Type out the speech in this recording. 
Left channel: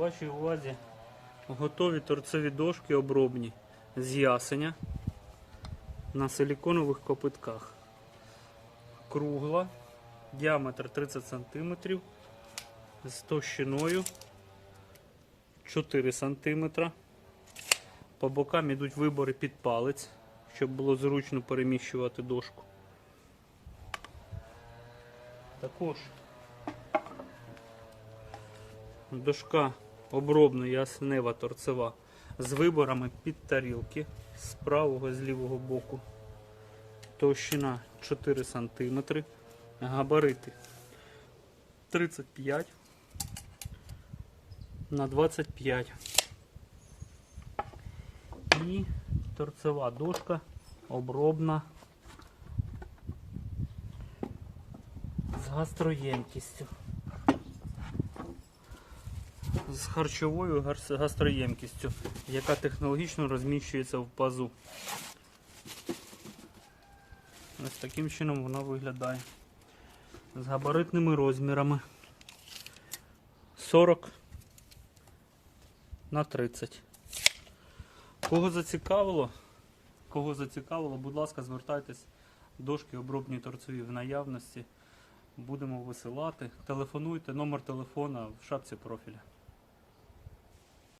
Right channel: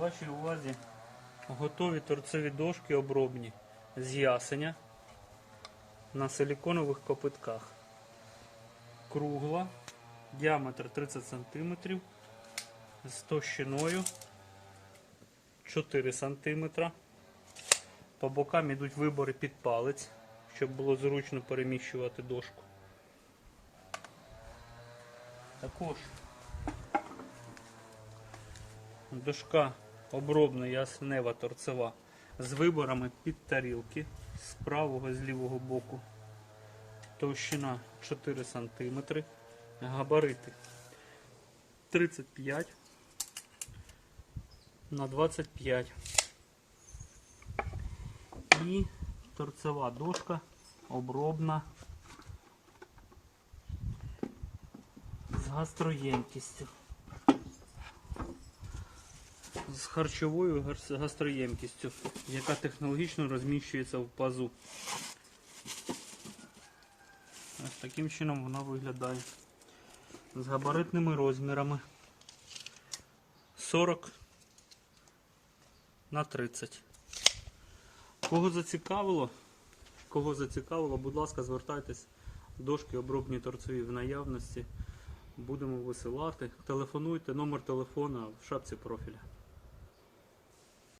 вашій увазі готові торцеві дошки обробні з ясеня на силіконових копитках. Кругла, діаметр 30 см з товщиною 4 см. По бокам йдуть вибори під палець, щоб було зручно переміщувати дошку. Також дошка обробна яснева торцева з виборами під тарілки з правого з лівого боку. Товщина 4 см, габарити 35 на 25 і торцева дошка обробна з гастроємкістю. З харчовою гастроємкістю, яка технологічно розміщується в пазу. Ось таким чином вона виглядає. З габаритними розмірами 40 на 30. Кого зацікавило, кого зацікавило, будь ласка, звертайтесь. Дошки обробні торцеві в наявності. Будемо висилати. Телефонуйте, номер телефона в шапці профіля.